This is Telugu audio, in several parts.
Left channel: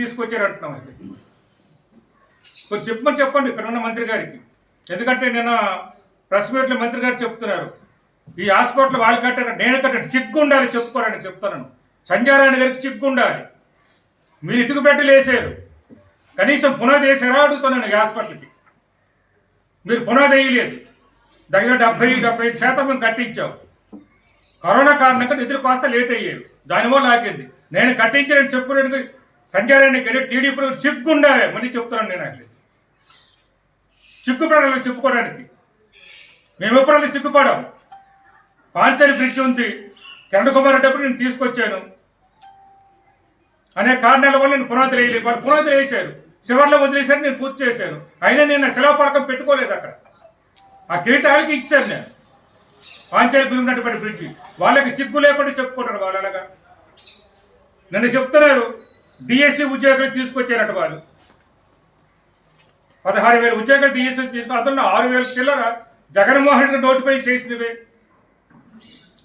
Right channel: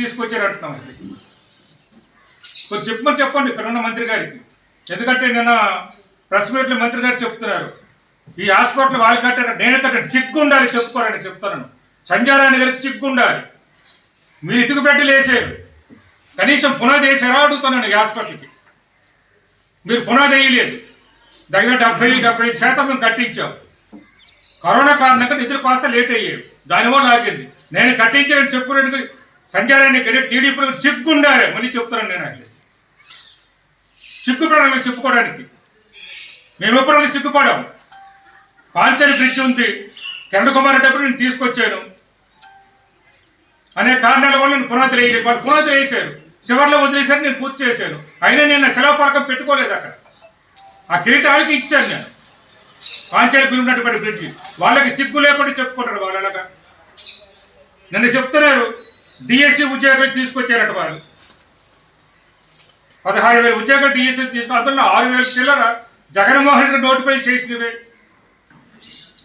తీసుకొచ్చారు అంటున్నాం. అది కొంచెం చెప్పండి ఇక్కడ ఉన్న మంత్రి గారికి. ఎందుకంటే నిన్న ప్రెస్ మీట్లో మంత్రి గారు చెప్తున్నారు ఈ హాస్పిటల్ వాళ్ళు కట్టారు, నేను కట్టాను. సిగ్గు ఉండాలి చెప్పుకోరని చెప్తాను. సంజయ్ రాణి గారికి సిగ్గు ఉండాలి. మీరు ఇటుకు బెడ్డలు వేసారు, కనీసం పునాది వేసారా అడుగుతున్నాను. ఈ హాస్పిటల్కి మీరు పునాది వేయలేదు. దగ్గర 70-75% మేము కట్టించాం. కరోనా కారణంగా నిధులు కాస్త లేట్ అయ్యారు, దానివల్ల ఆగింది. నేను కట్టించానని చెప్పుకోవడానికి సంజయ్ రాణి గారి టీడీపీ సిగ్గు ఉండాలి. మళ్ళీ చెప్తున్నాను నేను ఆయన సిగ్గుపడాలని చెప్పుకోవడానికి. మేము ఎప్పుడైనా సిగ్గుపడాం. పాంచని బ్రిడ్జ్ ఉంది, కిరణ్ కుమార్ రెడ్డి అప్పుడు నేను తీసుకొచ్చాను. అనే కారణాల వల్ల నేను పునాదులు వేయలేదు. వాళ్ళు పునాదులు వేసారు, చివరిలో వదిలేశారు, నేను పూర్తి చేశాను. అయినా నేను సెలవు పలకం పెట్టుకోలేదు. అక్కడ ఆ కిరీటాలకి ఇచ్చాను నేను. పాంచాలికి ఉన్నటువంటి బ్రిడ్జి వాళ్ళకి సిగ్గు లేకుండా చెప్పుకుంటారు వాళ్ళు. అలాగా నన్ను చెప్తున్నారు డిఎస్సి ఉద్యోగాలు తీసుకొచ్చారట వాళ్ళు. 16,000 ఉద్యోగాలు డిఎస్సి తీసుకుని అందులో 6,000 చిల్లర జగన్మోహన్ రెడ్డి నోటిఫై చేసినవే.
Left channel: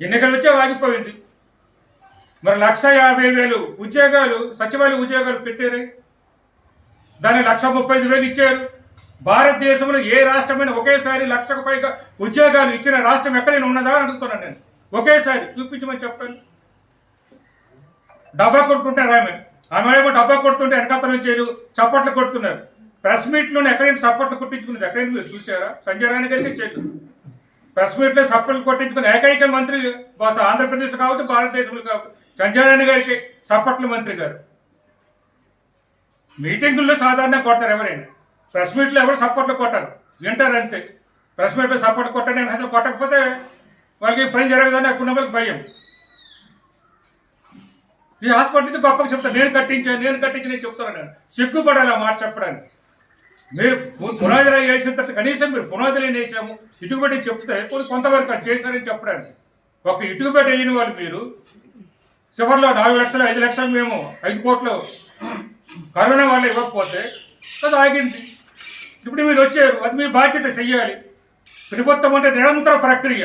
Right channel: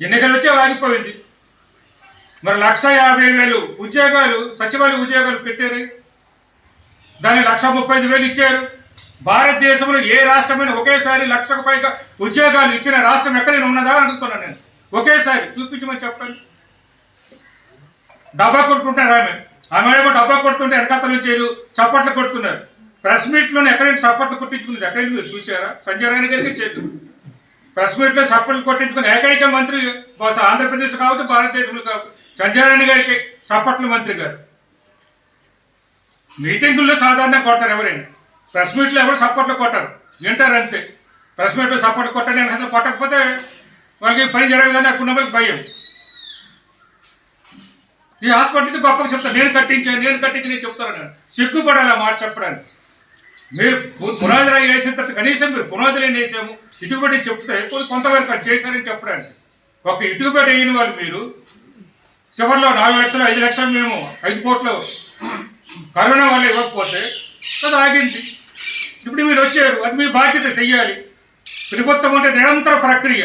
ఎన్నికలు వచ్చే ఆగిపోయింది. మరి 150,000 ఉద్యోగాలు సచివాలయ ఉద్యోగాలు పెట్టారు. దాన్ని 135,000 ఇచ్చారు. భారతదేశంలో ఏ రాష్ట్రమైనా ఒకేసారి 1,00,000కు పైగా ఉద్యోగాలు ఇచ్చిన రాష్ట్రం ఎక్కడైనా ఉన్నదా అని అడుగుతున్నాను నేను. ఒకేసారి చూపించమని చెప్పండి. డబ్బా కొట్టుకుంటారు ఆమె ఏమో డబ్బా కొడుతుంటే వెనకాతల నుంచి చప్పట్లు కొడుతున్నారు. ప్రెస్ మీట్లోనే ఎక్కడైనా చప్పట్లు కొట్టించుకున్నది ఎక్కడైనా మీరు చూసారా? సంజయ్ రాణి గారికి చెల్లు ప్రెస్ మీట్లో చప్పట్లు కొట్టించుకుని ఏకైక మంత్రి బహుశా ఆంధ్రప్రదేశ్ కావచ్చు, భారతదేశంలో కావచ్చు, సంజయ్ రాణి గారికి చప్పట్ల మంత్రి గారు. మీటింగుల్లో సాధారణంగా కొడతారు ఎవరైనా, ప్రెస్ మీట్లో ఎవరు సపోర్ట్లు కొట్టారు, వింటారు అంతే. ప్రెస్ మీట్లో సపోర్ట్ కొట్టండి అని అసలు కొట్టకపోతే వాళ్ళకి పని జరగదని అక్కడ వాళ్ళకి భయం. ఈ హాస్పిటల్కి గొప్పగా చెప్తాను, నేను కట్టించి చెప్తాను. నేను సిగ్గుపడాలి ఆ మాట చెప్పడానికి. మీరు పునాదులు వేసిన తర్వాత కనీసం మీరు పునాదులు వేసాము ఇటుకబెట్టి చెప్తే కొంతవరకు అది చేశారని చెప్పడానికి. ఒక ఇటుకబెట్టి అయిన వాళ్ళు మీరు చివరిలో 4 లక్షలు 5 లక్షలు మేము 5 కోట్లు కరోనా వల్ల ఇవ్వకపోతే అది ఆగింది. ఇప్పుడు మీరు వచ్చారు, అది మీ బాధ్యత చెయ్యాలి. ప్రభుత్వం అంటే నిరంతర ప్రక్రియ.